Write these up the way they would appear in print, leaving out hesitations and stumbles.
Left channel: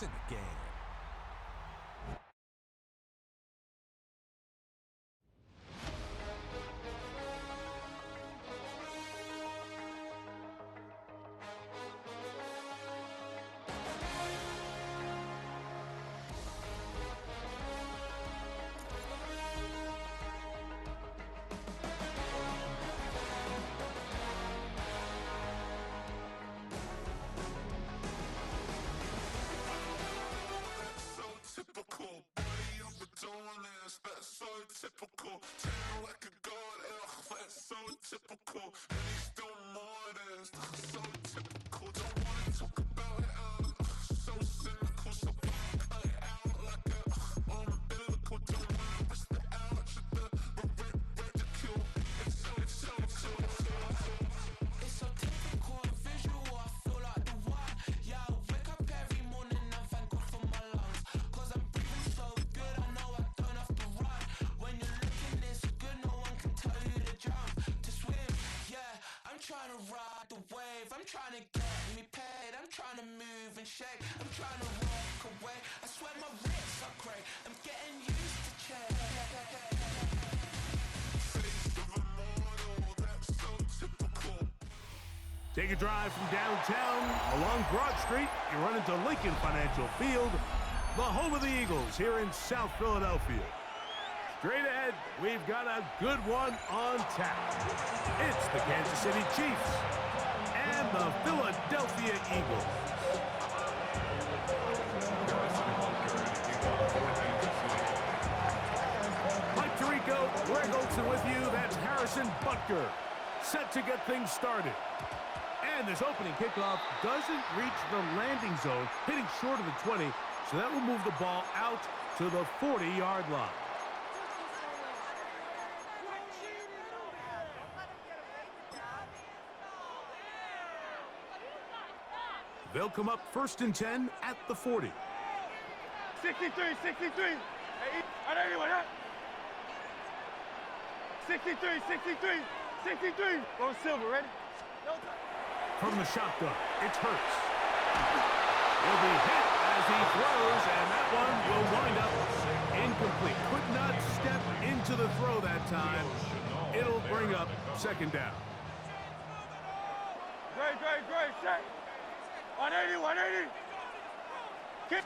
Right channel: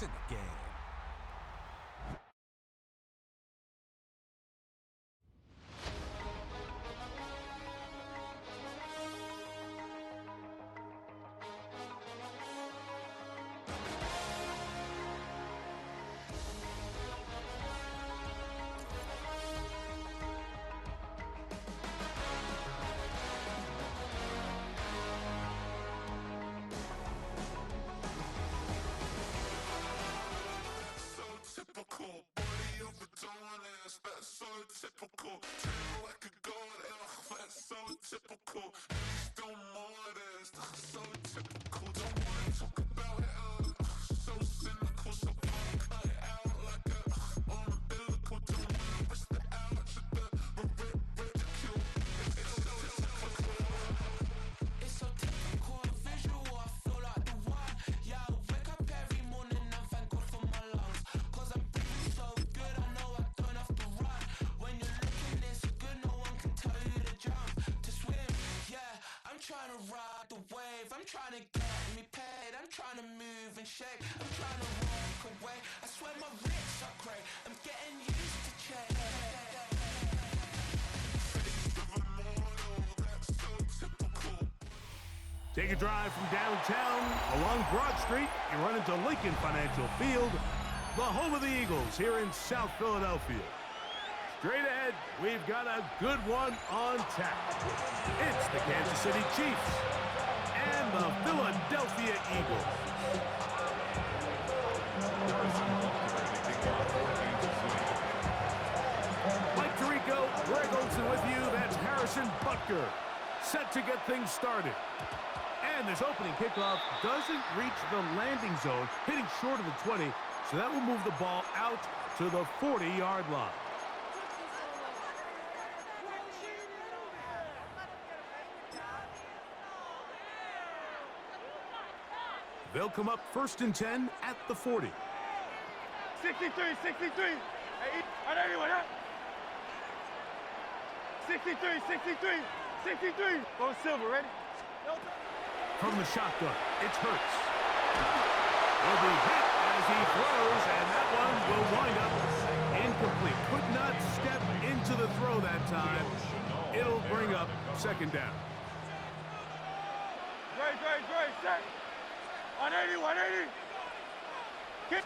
It's in the game. Typical, body overdoing this, that's so typical. Treat like a god, that's so typical. He's still more this, so typical. Don't wanna talk about it, so cynical. So far cut it out like a umbilical. Don't wanna risk the ouch of the ridicule. It's so typical, visual, I feel like the one. Yeah, I wake up every morning and thank God for my lungs. Cause I'm breathing so good, I know I don't have to run. When you're looking this good, no one can tell you to jump, to swim. Yeah, I'm trying to ride the wave, I'm trying to get me paid, I'm trying to move and shake, I'm trying to walk away. I swear my wrists are great, I'm getting used to change. Face of a mortal, that's so typical. Take a drive from downtown along Broad Street. You run into Lincoln Financial Field, the home of the Eagles here in South Philadelphia. Straight ahead, we've got a good one on tap. It's the Kansas City Chiefs and the Philadelphia Eagles. Mike Tirico, Greg Olson with you. That's Harrison Butker, set to get things started. And this opening kickoff doesn't reach the landing zone, hitting short of the 20, so that will move the ball out to the 40-yard line. They'll come up 1st and 10 at the 40. 63, 63. Hey, on anyone, huh? 63, 63, 63. Go Silver, ready? From the shotgun, it's Hurts. He'll be hit as he throws, and that one will wind up incomplete. Could not step into the throw that time. It'll bring up 2nd down. Great, set. 180, 180. Kick.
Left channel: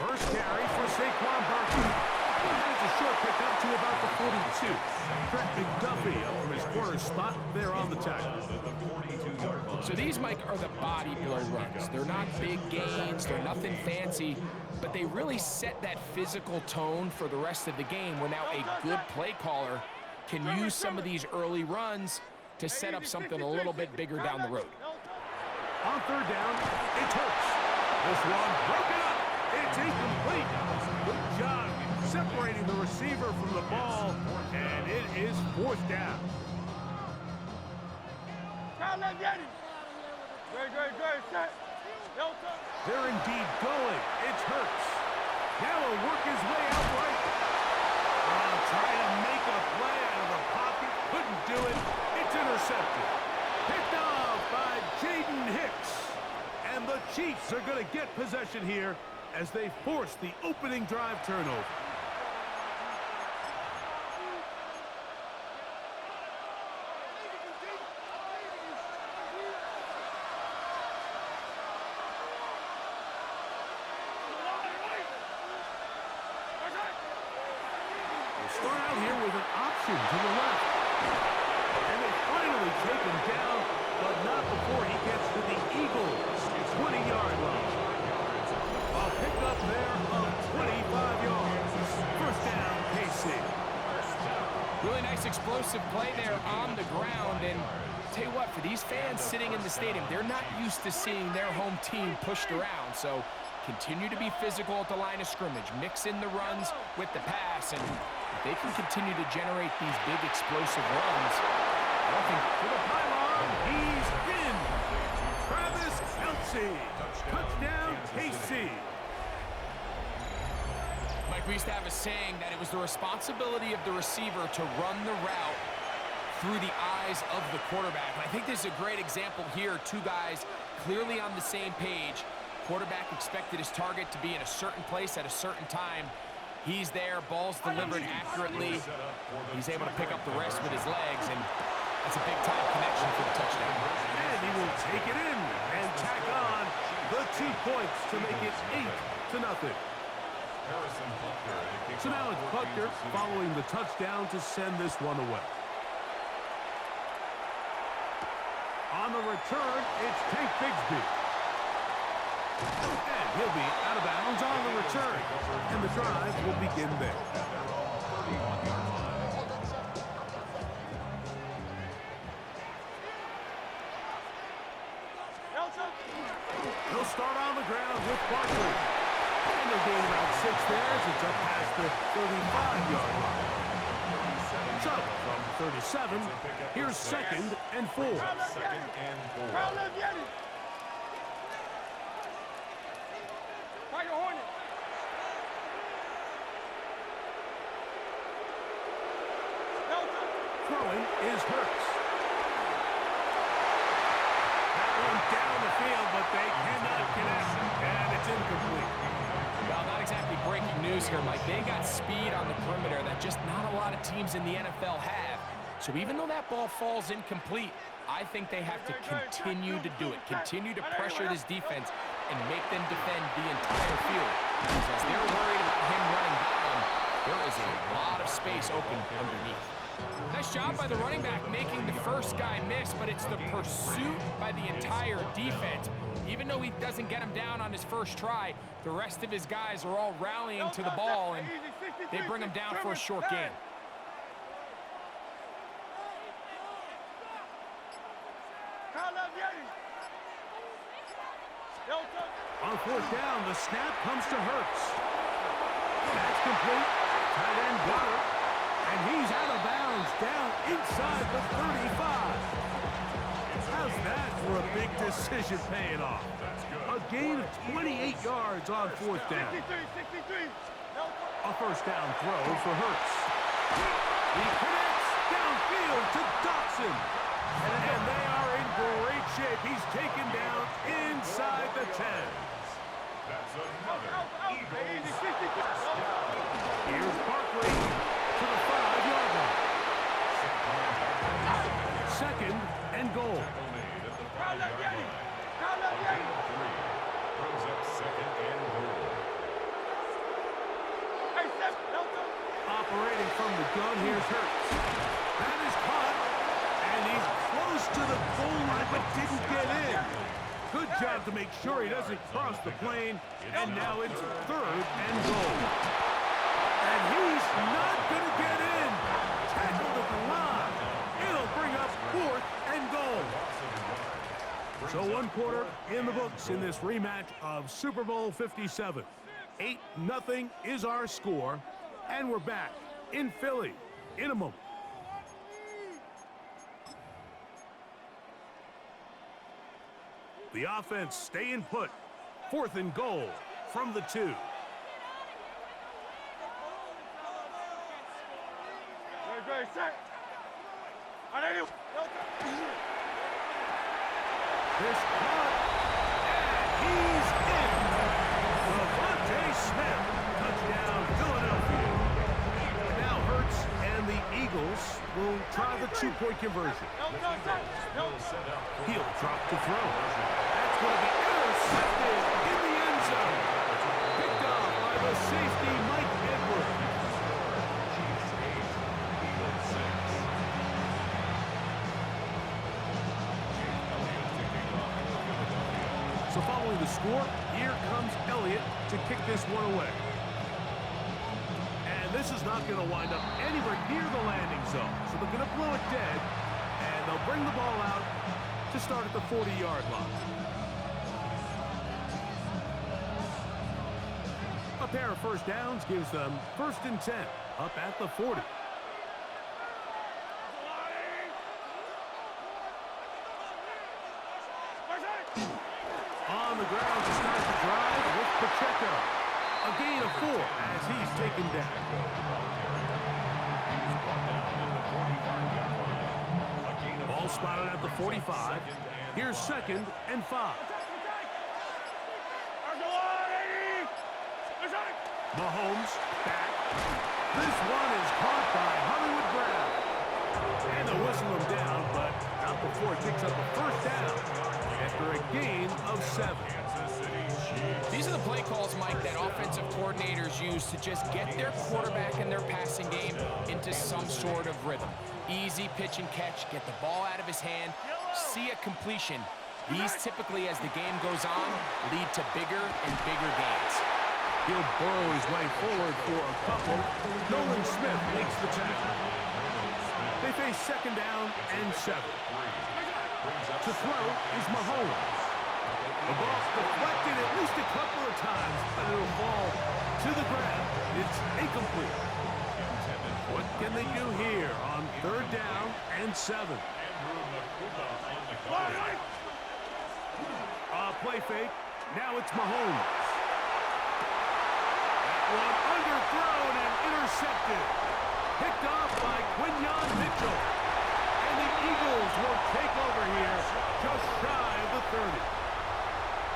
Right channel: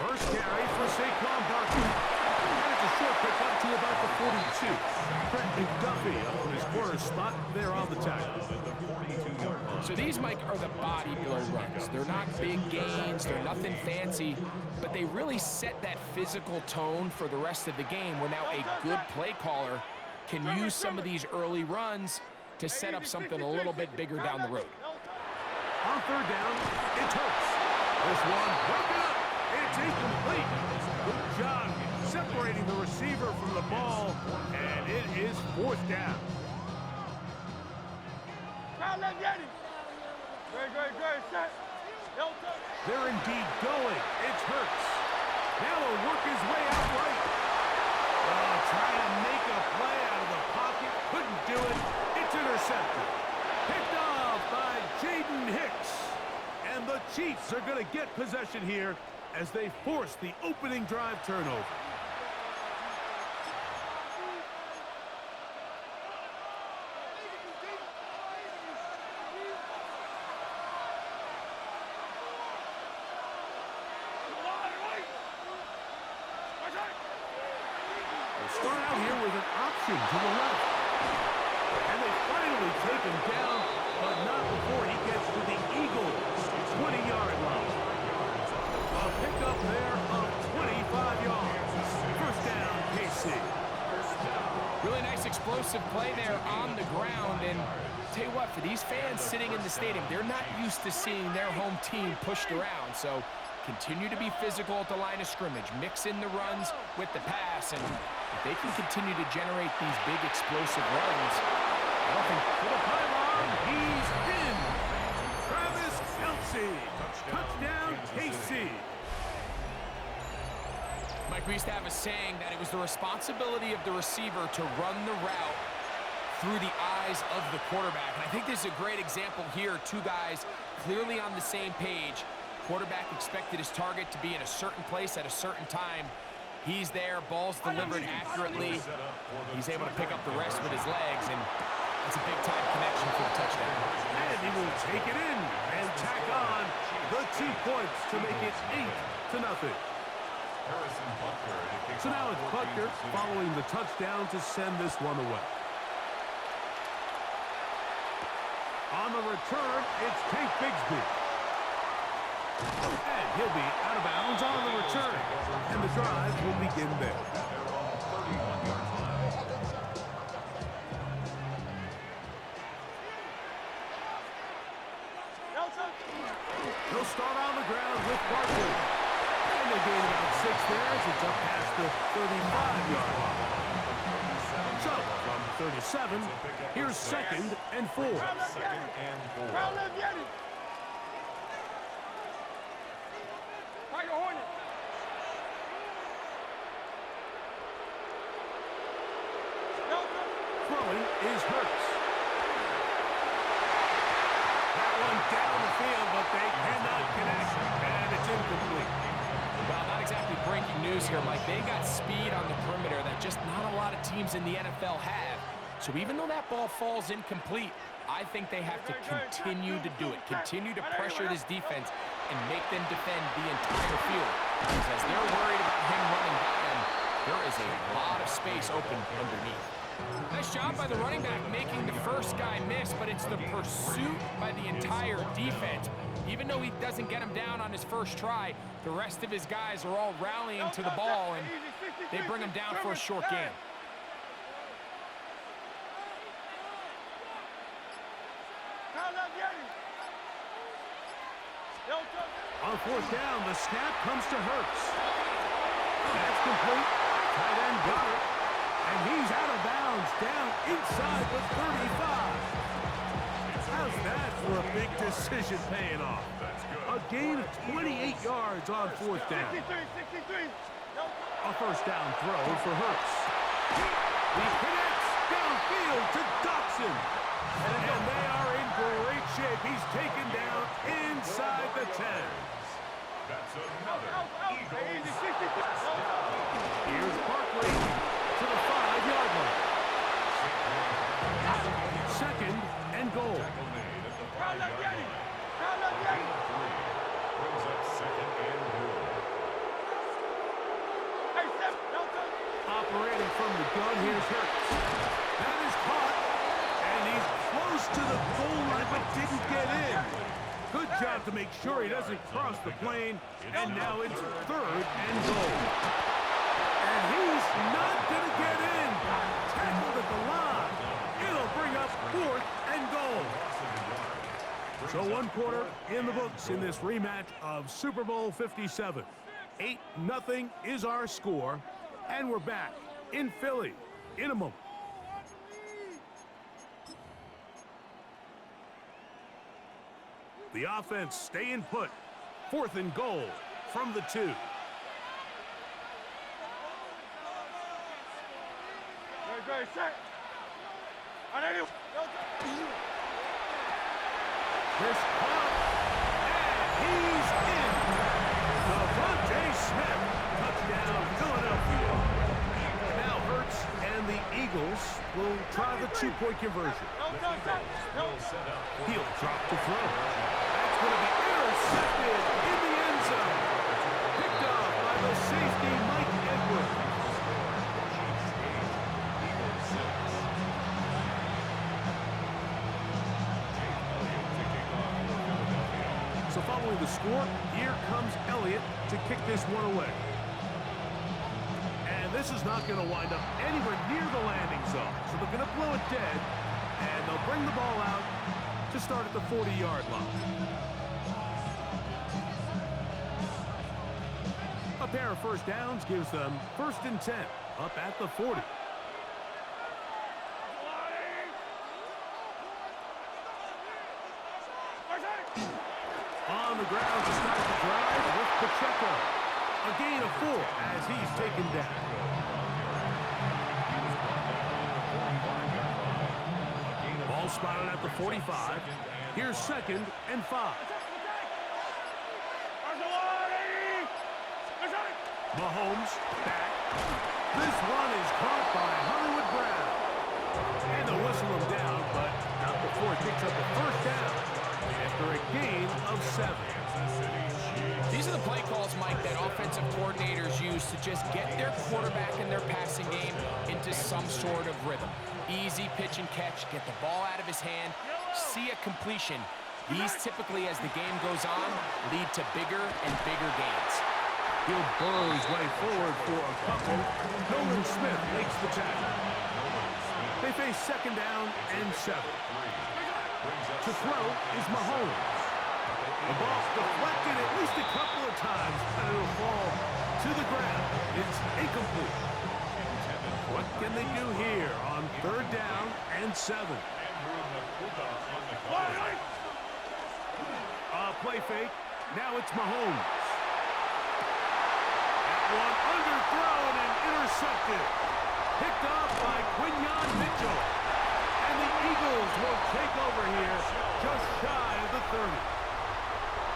First carry for Saquon Barkley. And it's a short pickup to about the 42. Trent McDuffie up from his corner spot there on the tackle. So these, Mike, are the body blow runs. They're not big gains, they're nothing fancy, but they really set that physical tone for the rest of the game where now a good play caller can use some of these early runs to set up something a little bit bigger down the road. On 3rd down, it's Hurts. This one broken up. It's incomplete. Good job separating the receiver from the ball, and it is 4th down. Great, set. They're indeed going. It's Hurts. Now he'll work his way out right. Trying to make a play out of the pocket. Couldn't do it. It's intercepted. Picked off by Jaden Hicks. And the Chiefs are going to get possession here as they force the opening drive turnover. We'll start out here with an option to the left. And they finally take him down, but not before he gets to the Eagles' 20-yard line. A pickup there of 25 yards. 1st down, KC. Really nice explosive play there on the ground. And tell you what, for these fans sitting in the stadium, they're not used to seeing their home team pushed around. So continue to be physical at the line of scrimmage. Mix in the runs with the pass. And if they can continue to generate these big explosive runs, I don't think to the pylon, he's in. Travis Kelce. Touchdown, KC. Mike, we used to have a saying that it was the responsibility of the receiver to run the route through the eyes of the quarterback. And I think this is a great example here. Two guys clearly on the same page, Quarterback expected his target to be in a certain place at a certain time. He's there, ball's delivered accurately. He's able to pick up the rest with his legs, and that's a big-time connection for the touchdown. And he will take it in and tack on the 2 points to make it 8-0. So now it's Butker following the touchdown to send this one away. On the return, it's Tank Bigsby. And he'll be out of bounds on the return. And the drive will begin there. He'll start on the ground with Barkley. And they'll gain about 6 there as it's up past the 35-yard line. So, from 37, here's 2nd and 4. Throwing is Hurts. That one down the field, but they cannot connect, and it's incomplete. Well, not exactly breaking news here, Mike. They got speed on the perimeter that just not a lot of teams in the NFL have. So even though that ball falls incomplete, I think they have to continue to do it, continue to pressure this defense and make them defend the entire field. Because as they're worried about him running by them, there is a lot of space open underneath. Nice job by the running back making the first guy miss, but it's the pursuit by the entire defense. Even though he doesn't get him down on his first try, the rest of his guys are all rallying to the ball, and they bring him down for a short gain. On 4th down, the snap comes to Hurts. That's complete. Tight end got it. And he's out of bounds, down inside the 35. How's that for a big decision paying off? A gain of 28 yards on 4th down. A first down throw for Hurts. He connects downfield to Dotson. And they are in great shape. He's taken down inside the 10. That's another Eagles. Here's Barkley to the 5-yard line. 2nd and goal. Brings up 2nd and goal. Operating from the gun, here's Hurts. That is caught, and he's close to the goal line, but didn't get in. Good job to make sure he doesn't cross the plane, and now it's 3rd and goal. And he's not going to get in. Tackled at the line. It'll bring up 4th and goal. So 1 quarter in the books in this rematch of Super Bowl 57. 8-0 is our score, and we're back in Philly in a moment. The offense staying put. 4th and goal from the 2. This caught, and he's in. Devontae Smith, touchdown Philadelphia. Now Hurts and the Eagles will try the 2-point conversion. He'll drop to throw. That's going to be intercepted in the end zone. Picked off by the safety, Mike Edwards. So following the score, here comes Elliott to kick this one away. And this is not going to wind up anywhere near the landing zone. So they're going to blow it dead, and they'll bring the ball out to start at the 40-yard line. A pair of first downs gives them 1st and 10, up at the 40. On the ground to start the drive with Pacheco. A gain of 4 as he's taken down. Ball spotted at the 45. Here's 2nd and 5. Mahomes back. This one is caught by Hollywood Brown. And they'll whistle him down, but not before it picks up a first down after a gain of 7. These are the play calls, Mike, that offensive coordinators use to just get their quarterback and their passing game into some sort of rhythm. Easy pitch and catch, get the ball out of his hand, see a completion. These typically, as the game goes on, lead to bigger and bigger gains. He'll burrow his way forward for a couple. Nolan Smith makes the tackle. They face second down and 7. To throw is Mahomes. The ball's deflected at least a couple of times, but it'll fall to the ground. It's incomplete. What can they do here on third down and 7? Play fake. Now it's Mahomes. That one underthrown and intercepted. Picked off by Quinyon Mitchell. And the Eagles will take over here just shy of the 30.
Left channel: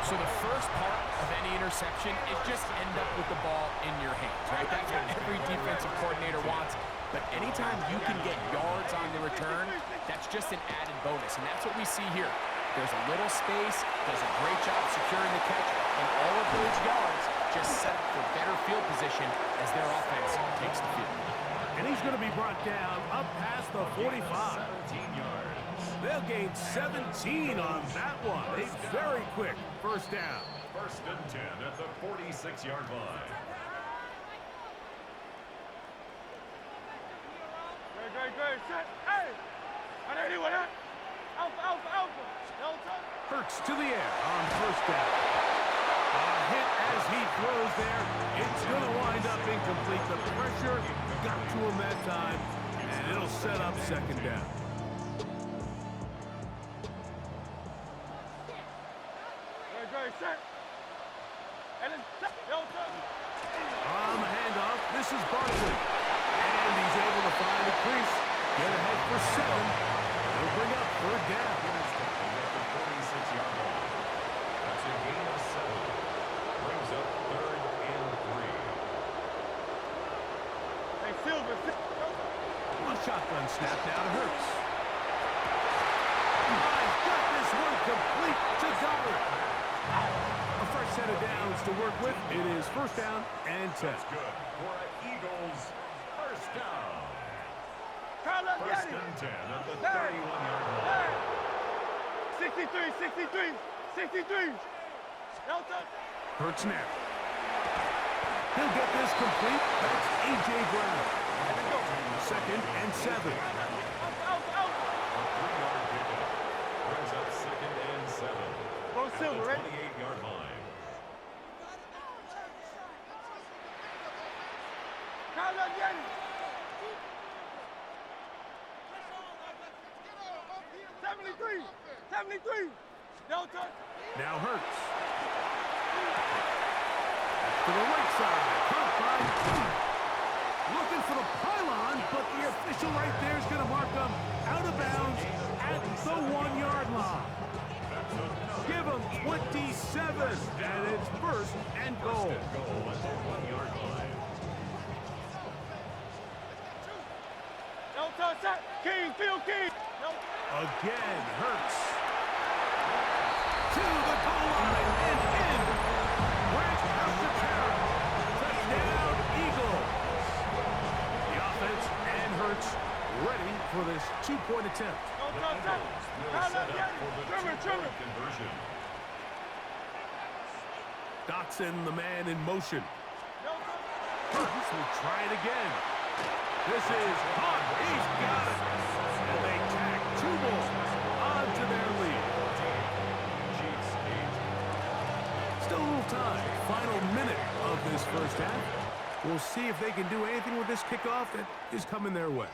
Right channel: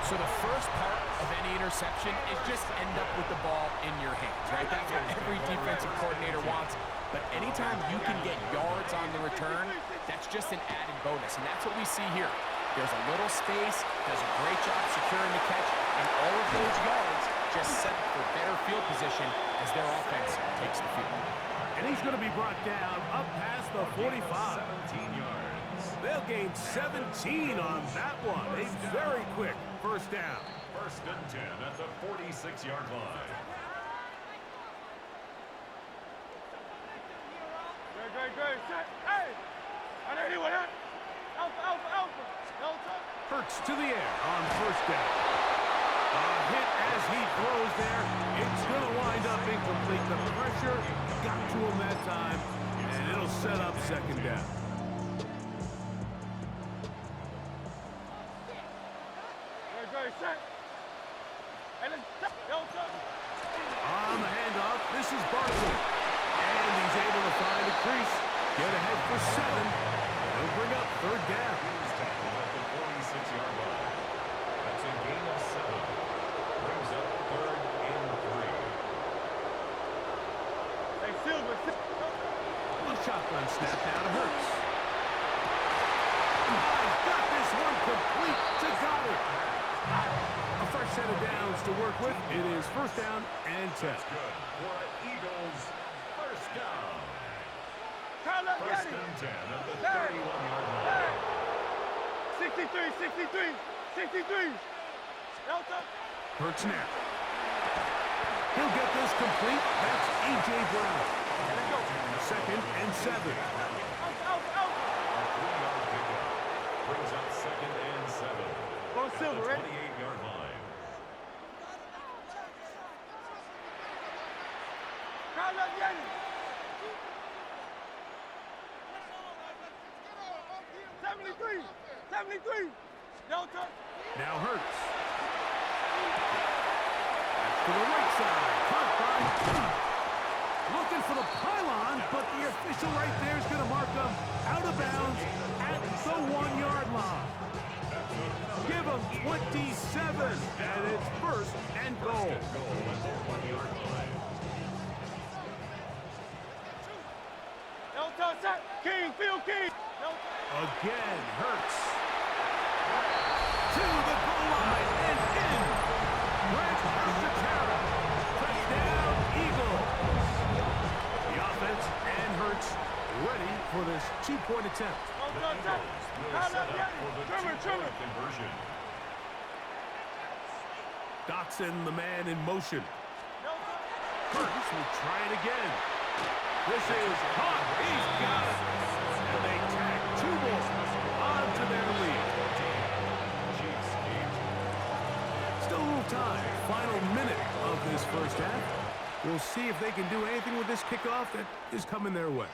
So the first part of any interception is just end up with the ball in your hands, right? That's what every defensive coordinator wants. But anytime you can get yards on the return, that's just an added bonus. And that's what we see here. There's a little space, does a great job securing the catch, and all of those yards just set up for better field position as their offense takes the field. And he's going to be brought down up past the 45. 17 yards. They'll gain 17 on that one. A very quick first down. First and 10 at the 46-yard line. Good. Set. Hey! On anyone, huh? Alpha. Hurts to the air on first down. A hit as he throws there. It's going to wind up incomplete. The pressure got to him that time, and it'll set up second down. Good. Set. And then On the handoff, this is Barkley. And he's able to find a crease. Get ahead for 7. It'll bring up third down. He's tackled at the 46-yard line. That's a gain of 7. Brings up third and 3. Hey, Silver. A shotgun snap now to Hurts. He's got this one complete to Goddard. A fresh set of downs to work with. It is first down and 10. That's good for an Eagles first down. First and 10 at the 31-yard line. 63. Hurts now. He'll get this complete. That's A.J. Brown. Second and 7. A 3-yard pickup. Brings up second and 7. Go At Silver, the ready? 28-yard line. Now Hurts. That's to the right side. Caught by Cook. Looking for the pylon, but the official right there is going to mark them out of bounds at the 1-yard line. Give them 27, and it's first and goal. At the 1-yard line. King. Again, Hurts. To the goal line and in. Grant Calcaterra. Touchdown, Eagles. The offense and Hurts ready for this 2-point attempt. The Eagles will set up for the two-point conversion. Dotson, the man in motion. Hurts will try it again. This is caught. He's got it. And they tack 2 more onto their lead. Chiefs 8. Still a little time. Final minute of this first half. We'll see if they can do anything with this kickoff that is coming their way.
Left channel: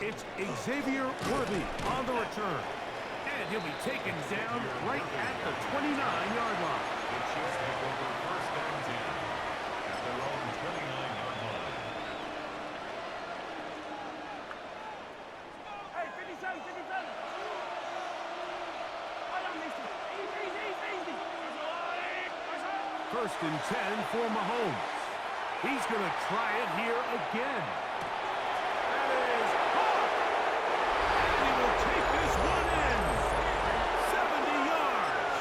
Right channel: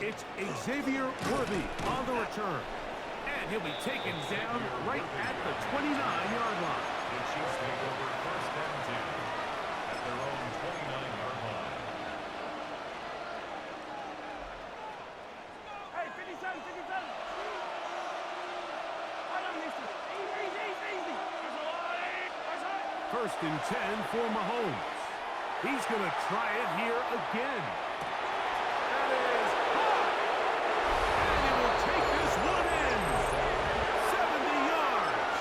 It's Xavier Worthy on the return. And he'll be taken down right at the 29-yard line. The Chiefs take over first and 10 at their own 29-yard line. Hey, 57. First and 10 for Mahomes. He's going to try it here again. That is hot. And he will take this one in. 70 yards.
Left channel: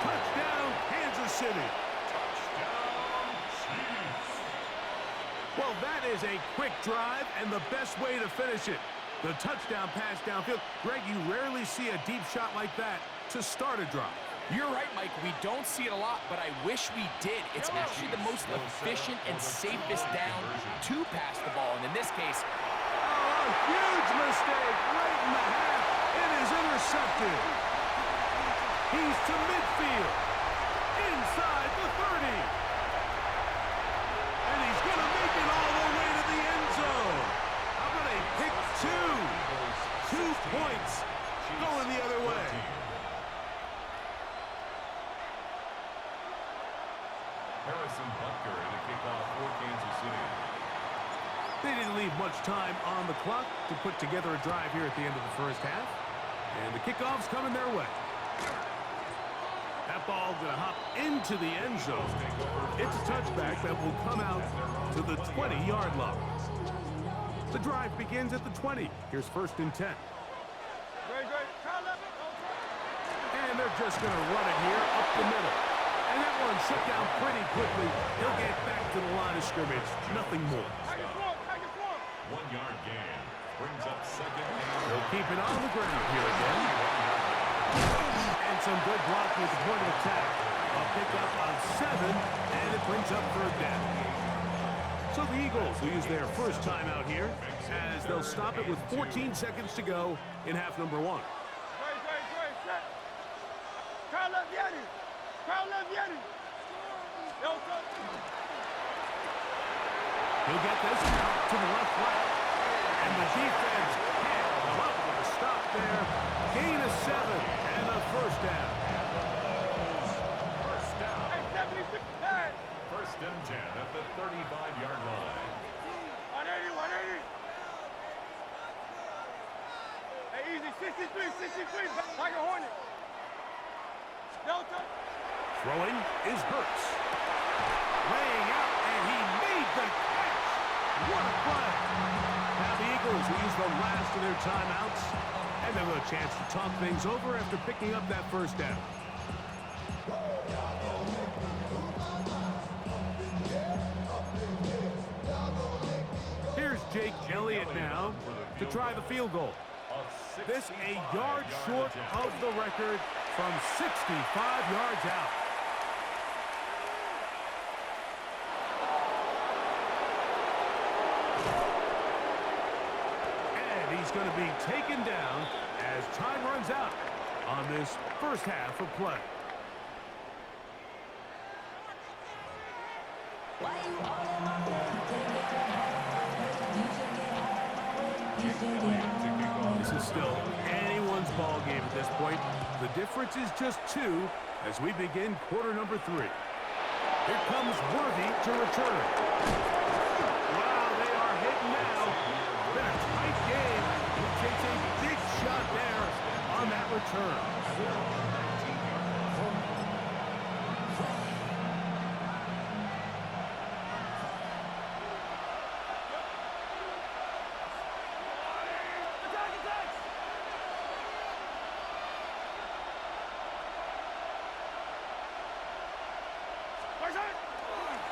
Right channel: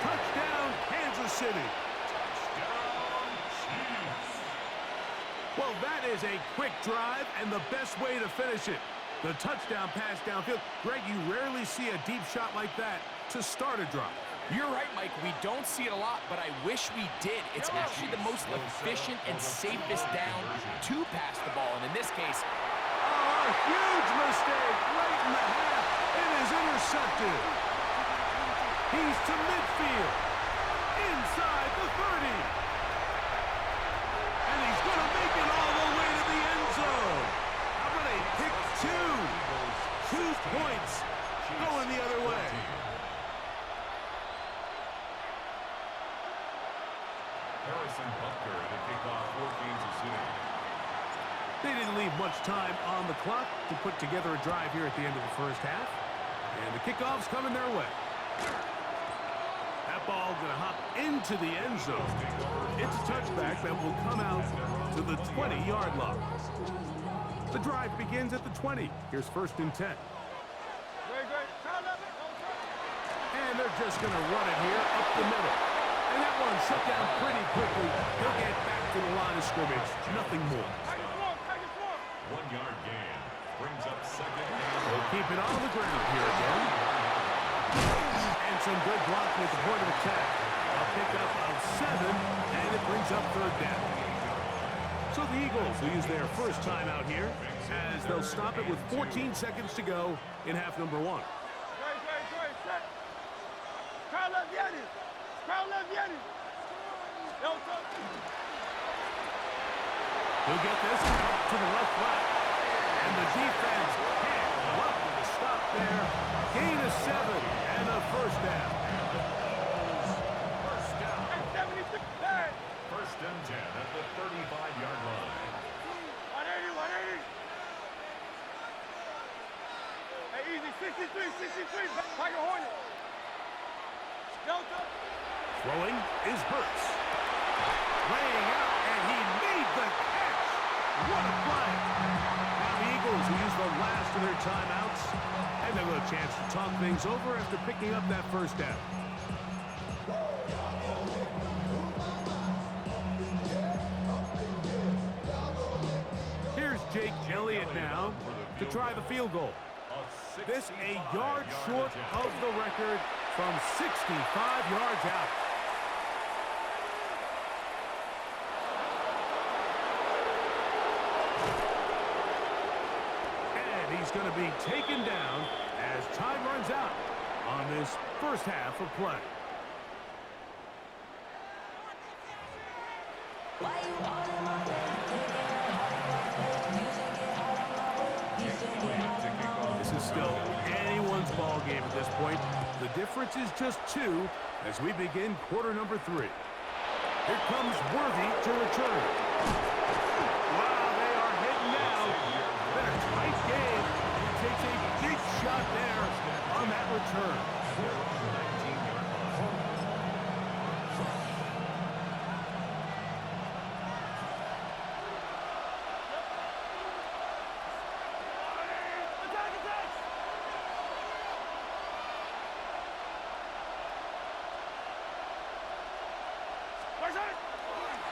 Touchdown, Kansas City. Touchdown, Chiefs. Well, that is a quick drive and the best way to finish it. The touchdown pass downfield. Greg, you rarely see a deep shot like that to start a drive. You're right, Mike. We don't see it a lot, but I wish we did. It's actually the most efficient and safest down to pass the ball. And in this case, oh, a huge mistake late in the half. It is intercepted. He's to midfield. Inside the 30. And he's going to make it all the way to the end zone. How about a pick two? 2 points going the other way. Harrison Butker to kick off for Kansas City. They didn't leave much time on the clock to put together a drive here at the end of the first half. And the kickoff's coming their way. That ball going to hop into the end zone. It's a touchback that will come out to the 20-yard line. The drive begins at the 20. Here's 1st and 10. And they're just going to run it here up the middle. And that one shut down pretty quickly. He'll get back to the line of scrimmage. Nothing more. 1-yard gain. Brings up 2nd and They'll keep it on the ground here again. And some good blocking at the point of attack. A pickup of 7, and it brings up 3rd down. So the Eagles will use their first time out here as they'll stop it with 14 seconds to go in half number 1. He'll get this out to the left flat. And the defense can't come up with a stop there. Gain of 7 and a 1st down. First down. 1st and 10 at the 35-yard line. 180. Hey, easy. 63. Tiger Hornet. Delta. Throwing is Hurts. Laying out, and he made the catch. What a play. Now the Eagles will use the last of their timeouts, and they'll have a chance to talk things over after picking up that 1st down. Here's Jake Elliott now to try the field goal. This a yard short of the record from 65 yards out. And he's going to be taken down as time runs out on this first half of play. This is still anyone's ball game at this point. The difference is just 2 as we begin quarter number 3. Here comes Worthy to return. Wow, they are hitting now. Been a tight game. He takes a big shot there on that return.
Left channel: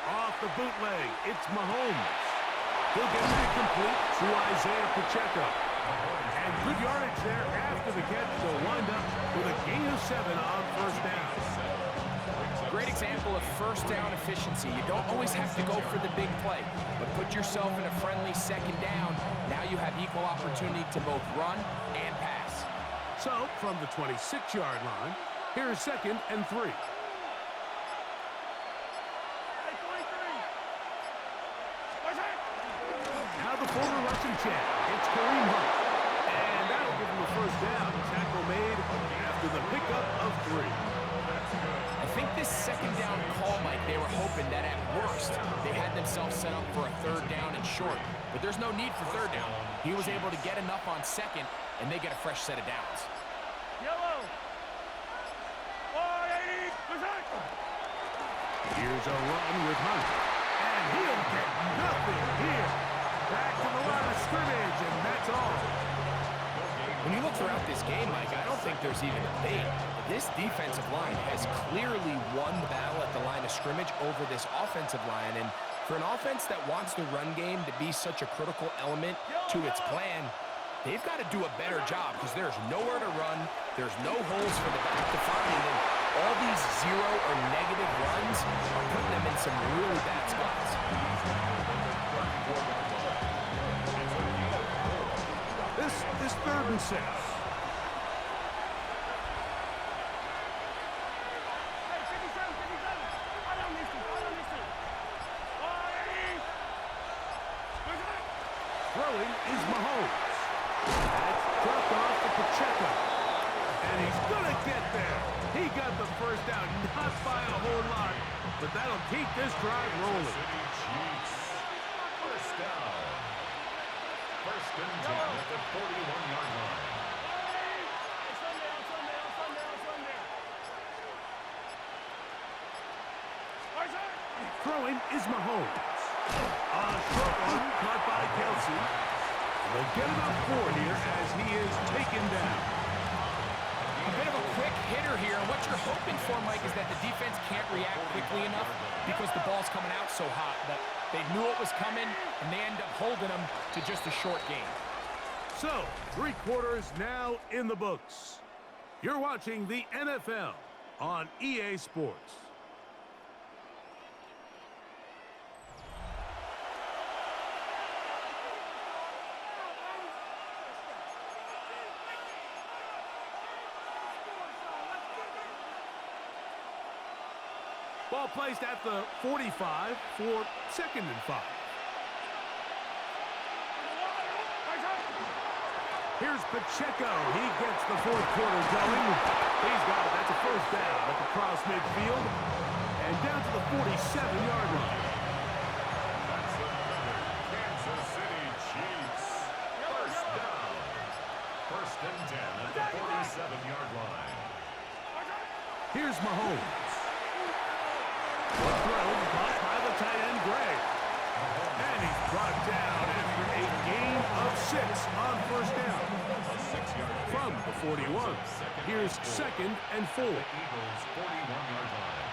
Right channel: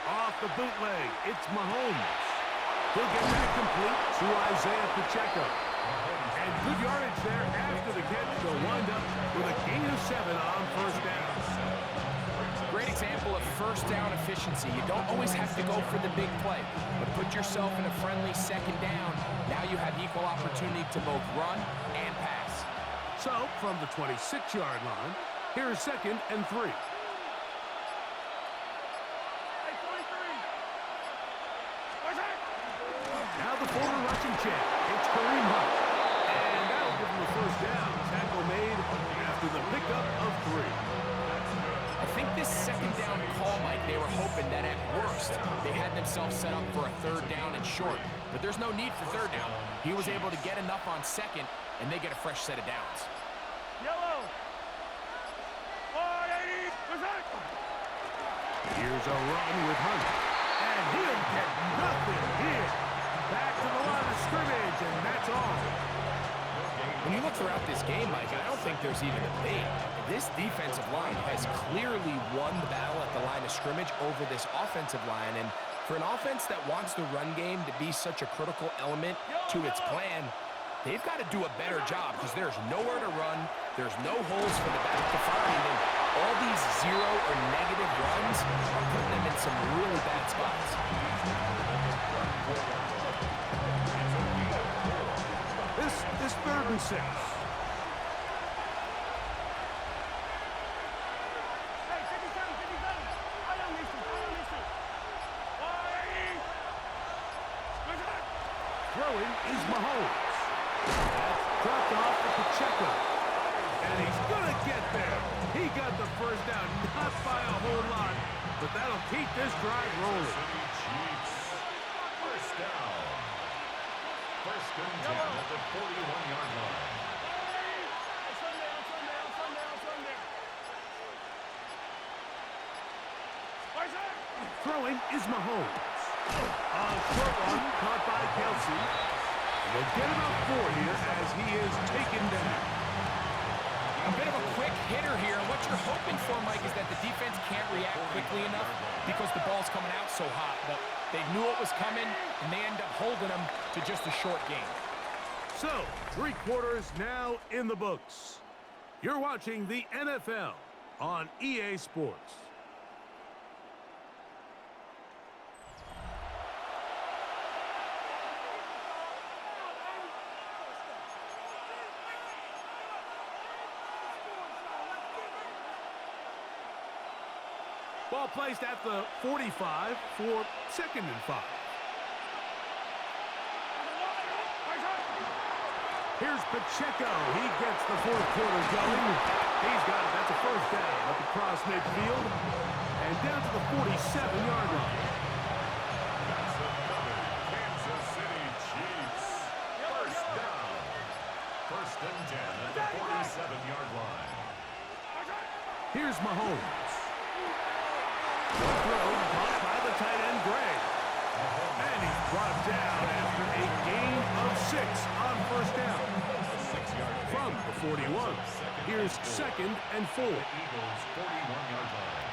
Off the bootleg, it's Mahomes. He'll get that complete to Isaiah Pacheco. And good yardage there after the catch. They'll wind up with a gain of 7 on 1st down. Great example of 1st down efficiency. You don't always have to go for the big play, but put yourself in a friendly 2nd down. Now you have equal opportunity to both run and pass. So, from the 26-yard line, here is 2nd and 3. Now the former rushing champ, it's Kareem Hunt. And that'll give him a 1st down. Tackle made after the pickup of 3. I think this 2nd down call, Mike, they were hoping that at worst they had themselves set up for a 3rd down and short. But there's no need for 3rd down. He was able to get enough on 2nd, and they get a fresh set of downs. Yellow. 180. Here's a run with Hunt. And he'll get nothing here. Back to the line of scrimmage, and that's all. When you look throughout this game, Mike, I don't think there's even a debate. This defensive line has clearly won the battle at the line of scrimmage over this offensive line. And for an offense that wants the run game to be such a critical element to its plan, they've got to do a better job because there's nowhere to run. There's no holes for the back to find. And all these zero or negative runs are putting them in some really bad spots. This is 3rd and 6. Throwing is Mahomes. That's dropped off to Pacheco. And he's going to get there. He got the first down, not by a whole lot, but that'll keep this drive rolling. First down. 1st and 10 at the 41-yard line. Throwing is Mahomes. A short one caught by Kelsey. They'll get about 4 here as he is taken down. A bit of a quick hitter here, and what you're hoping for, Mike, is that the defense can't react quickly enough because the ball's coming out so hot. But they knew it was coming, and they end up holding them to just a short game. So, 3 quarters now in the books. You're watching the NFL on EA Sports. Ball placed at the 45 for 2nd and 5. Here's Pacheco. He gets the 4th quarter going. He's got it. That's a first down at the cross midfield. And down to the 47-yard line. That's another Kansas City Chiefs. First down. 1st and 10 at the 47-yard line. Here's Mahomes. One throw caught by the tight end, Gray. And he's brought down after a gain of 6 on first down. From the 41. Here's 2nd and 4. The Eagles' 41-yard line.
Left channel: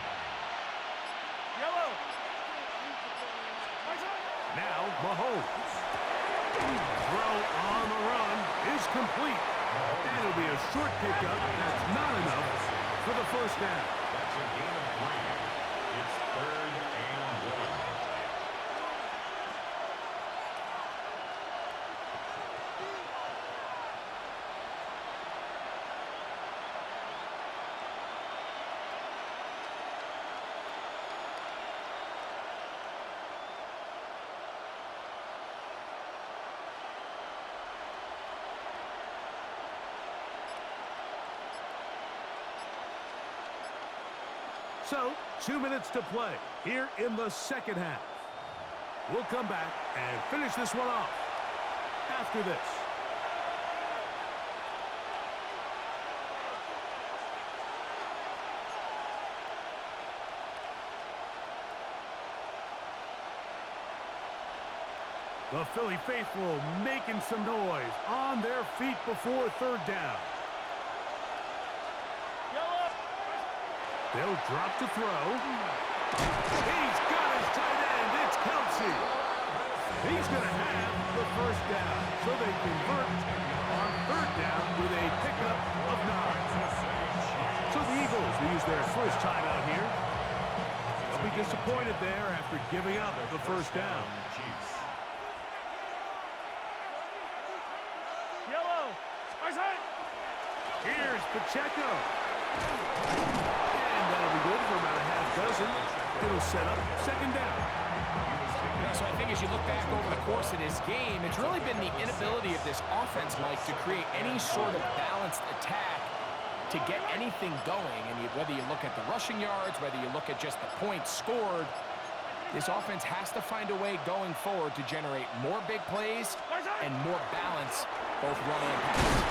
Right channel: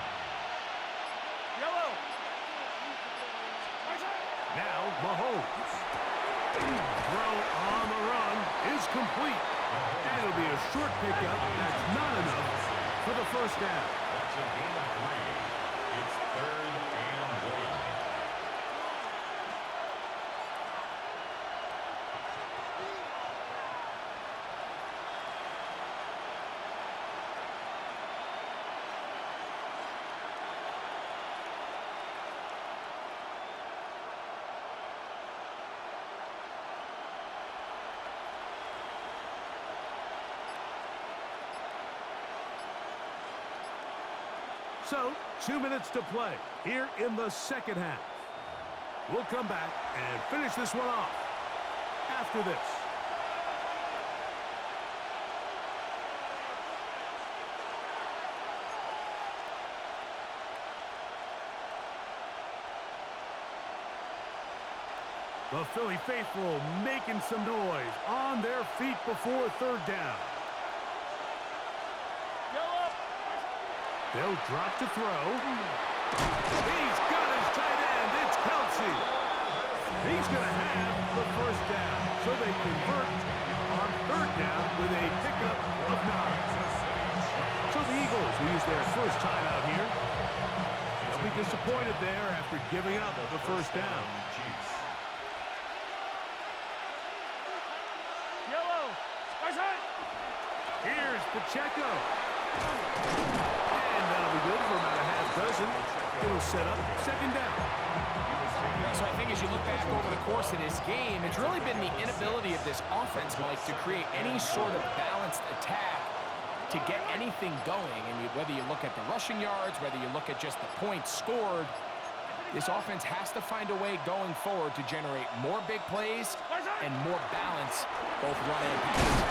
Now Mahomes. Throw on the run is complete. And it'll be a short pickup. That's not enough for the first down. That's a gain of 3. It's 3rd and 1. So, 2 minutes to play here in the 2nd half. We'll come back and finish this one off after this. The Philly faithful making some noise on their feet before 3rd down. They'll drop to throw. He's got his tight end. It's Kelsey. He's going to have the first down. So they convert on 3rd down with a pickup of 9. So the Eagles will use their first timeout here. They'll be disappointed there after giving up the first down. Here's Pacheco. And that'll be good for about a half dozen. It'll set up 2nd down. So I think as you look back over the course of this game, it's really been the inability of this offense, Mike, to create any sort of balanced attack to get anything going. And whether you look at the rushing yards, whether you look at just the points scored, this offense has to find a way going forward to generate more big plays and more balance, both run and pass.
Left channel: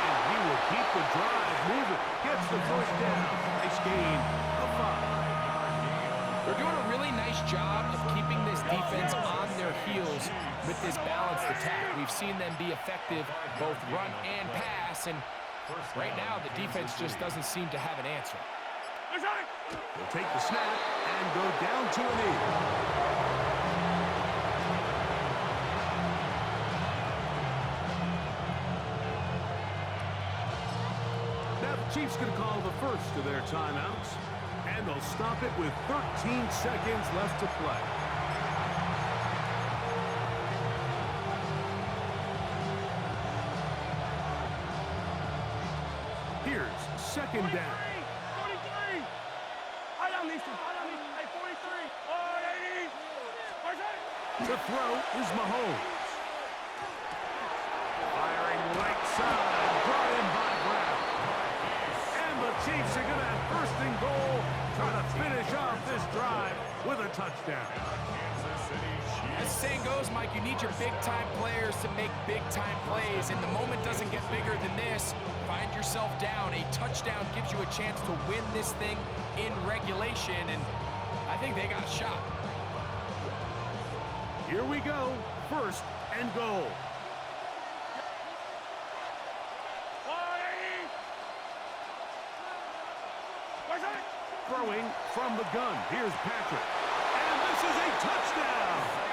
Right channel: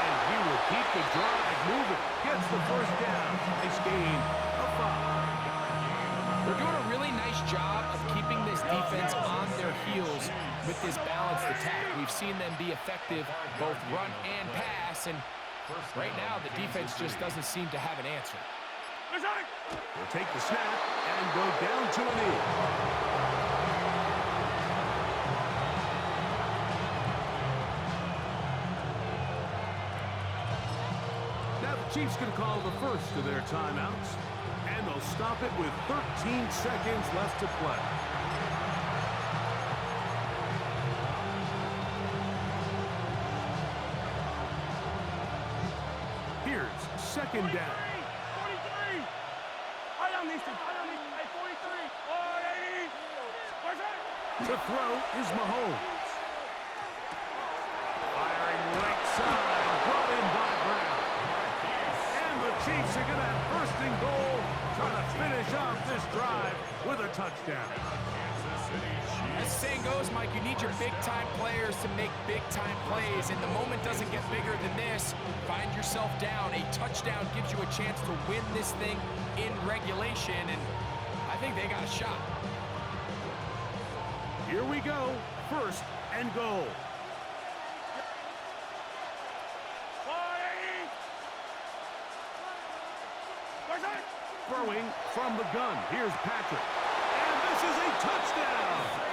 And he will keep the drive moving. Gets the first down. Nice gain of 5. They're doing a really nice job of keeping this defense on their heels with this balanced attack. We've seen them be effective both run and pass, and right now the defense just doesn't seem to have an answer. They'll take the snap and go down to a knee. Now the Chiefs going to call the first of their timeouts, and they'll stop it with 13 seconds left to play. Here's second down. 43! I don't need to. Hey, 43! To throw is Mahomes. Firing right side, brought in by Brown. And the Chiefs are going to have first and goal, trying to finish off this drive with a touchdown. As the saying goes, Mike, you need your big-time players to make big-time plays, and the moment doesn't get bigger than this. Find yourself down. A touchdown gives you a chance to win this thing in regulation, and I think they got a shot. Here we go, first and goal. Throwing from the gun, here's Patrick. And this is a touchdown!